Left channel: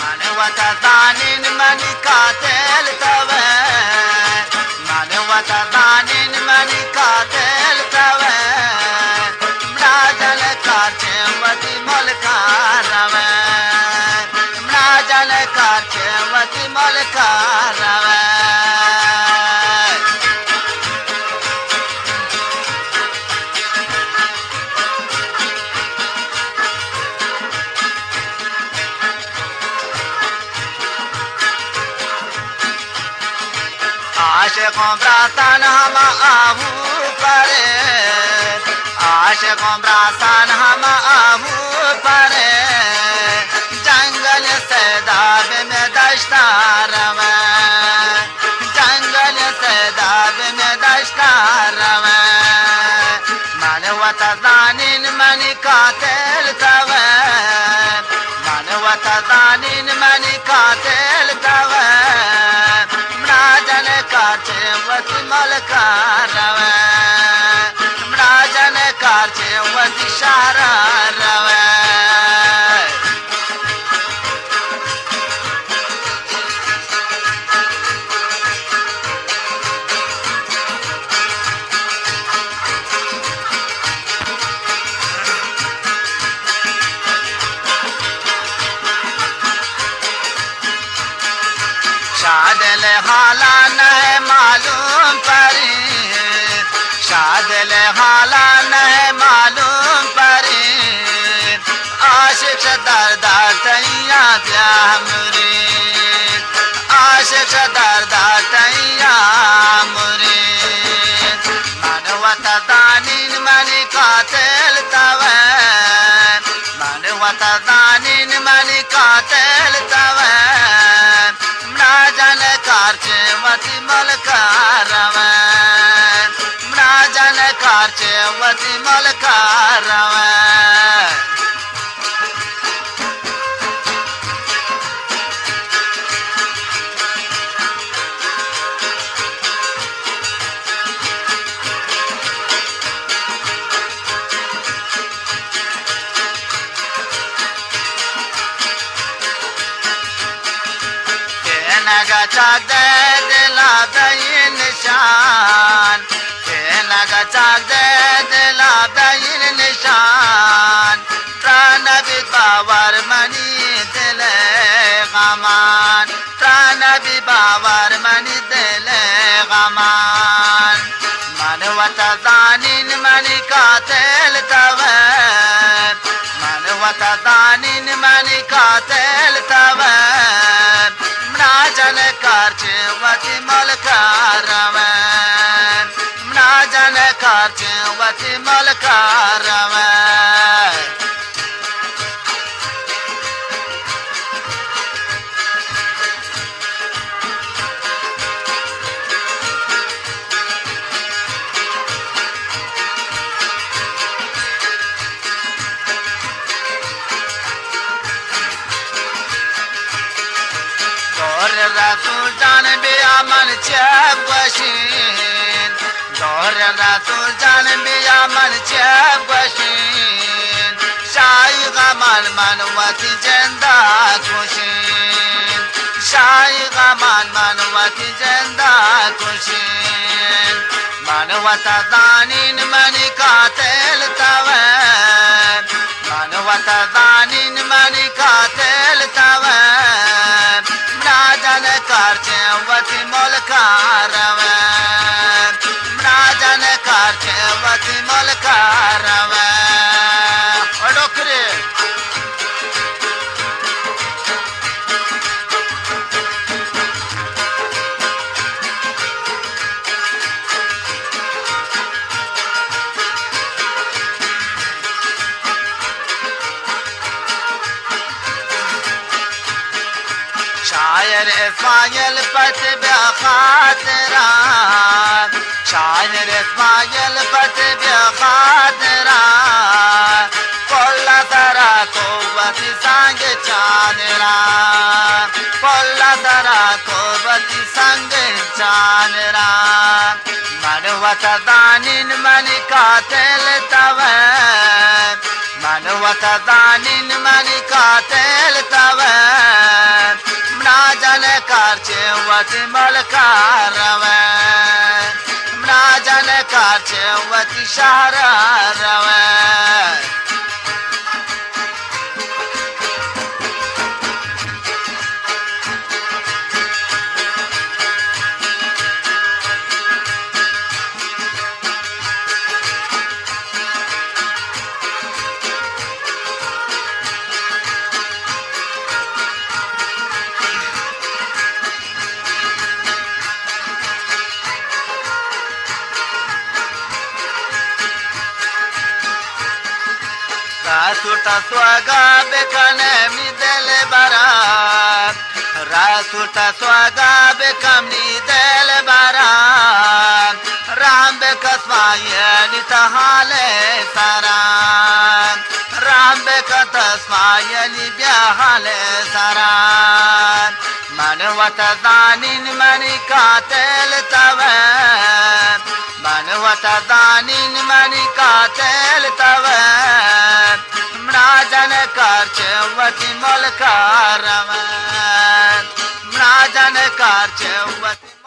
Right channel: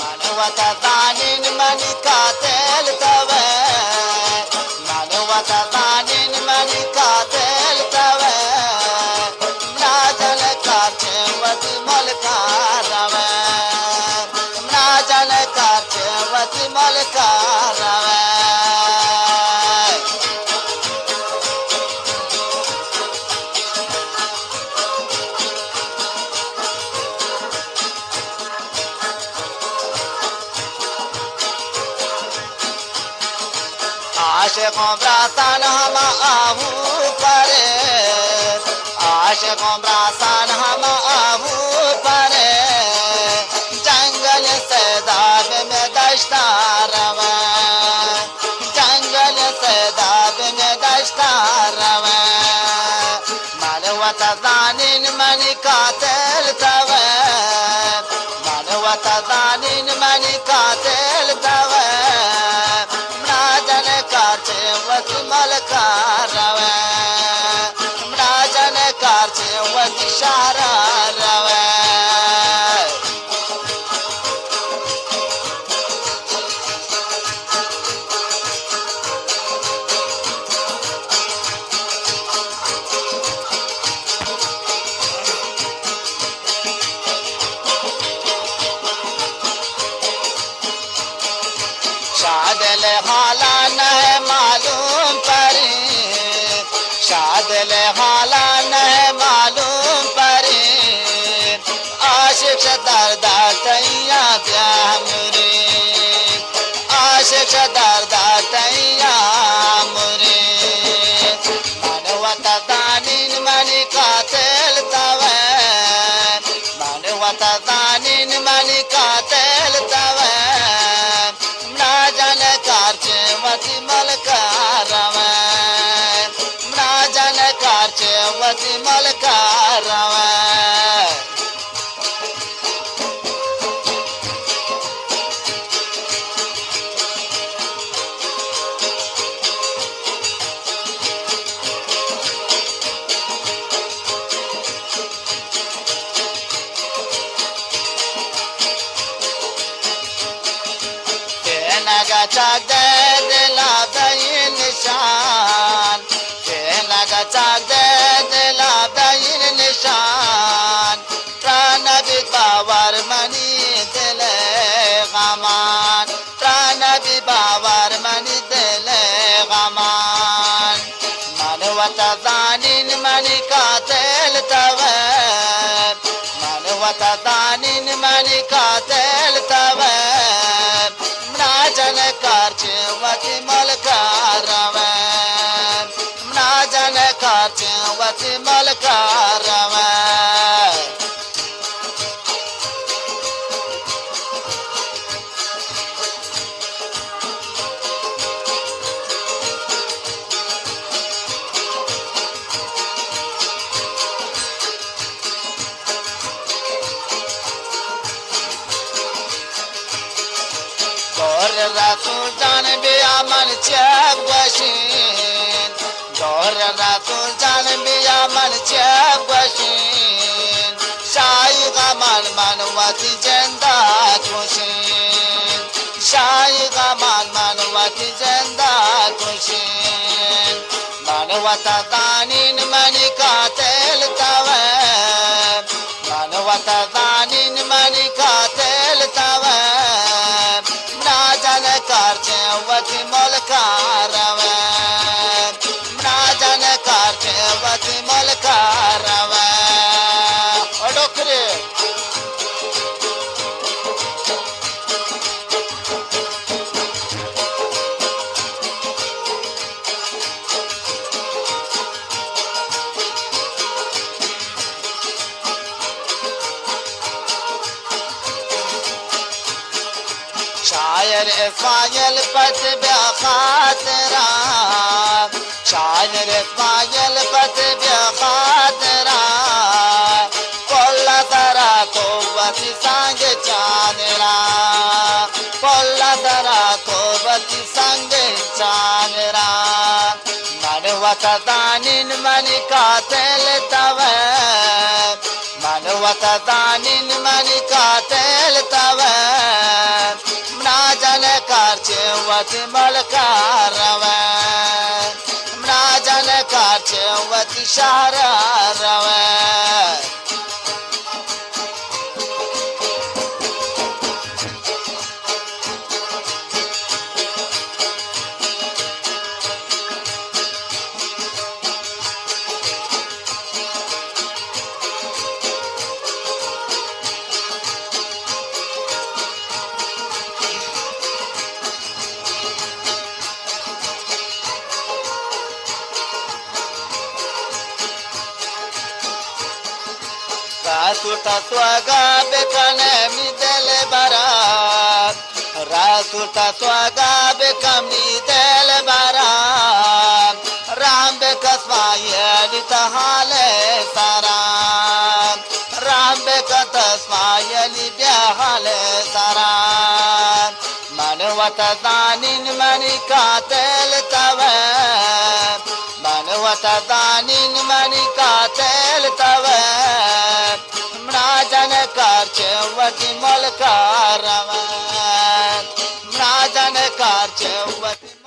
من وتضانين من قاتل توه من وتضانين من قاتل توه مراجل کارچه وتی ملکار روه مراجل کارچه وتی ملکار روه عاشقوں براسان ہم آہو پرے عاشقوں براسان ہم آہو پرے جنگل سیداب میں دشتار روے جنگل سیداب میں دشتار روے من وتضانین من قاتل توے من وتضانین من قاتل توے مراجل کارچه وتی ملکار روه مراجل کارچه وتی شهرار روه شادل حالا نہ معلوم پری شادل حالا نہ معلوم پری عاشق دردار تیا بیا مرید عاشق دردار تیا مرید من وتضانین من قاتل توه من وتضانین من قاتل توه مراجل کارچه وتی ملکار روه مراجل کارچه وتی ملکار روه نگا چاک دے دلا دئی نشان نگا چاک دے دلا دئی نشان پران بی باور منی دل غمان پران بی باور منی دل غمان من وتضانین من قاتل توه من وتضانین من قاتل توه مراجل کارچه وتی ملکار روه مراجل کارچه وتی ملکار روه دور رسول جان بیا من چپ گوشین دور رسول جان بیا من چپ گوشین شای غمان من وتی جندا کوشین شای غمان من وتی جندا کوشین من وتضانین من قاتل توه من وتضانین من قاتل توه مراجل کارچه وتی ملکار روه مراجل کارچه وتی ملکار روه اڈوکری شاعر اسماعیل پت بیا خاطران شاعر اسماعیل پت بیا خاطران پولا ترا قوتی سنگ چانران پولا ترا قوتی سنگ چانران من وتضانین من قاتل توه من وتضانین من قاتل توه مناجن کارچه وتی ملکار روان مناجن کارچه وتی شهر روان راسوتا سواگا بکنه می دل برات راسوتا سواگا بکم می دل برات رام بکسمایلی تحال سران رام بکسمایلی بیحال سران من وتزانین منی قاتل توان من وتزانین منی قاتل توان مناجن کارچه وتی ملکار روان مناجن کارچه وتی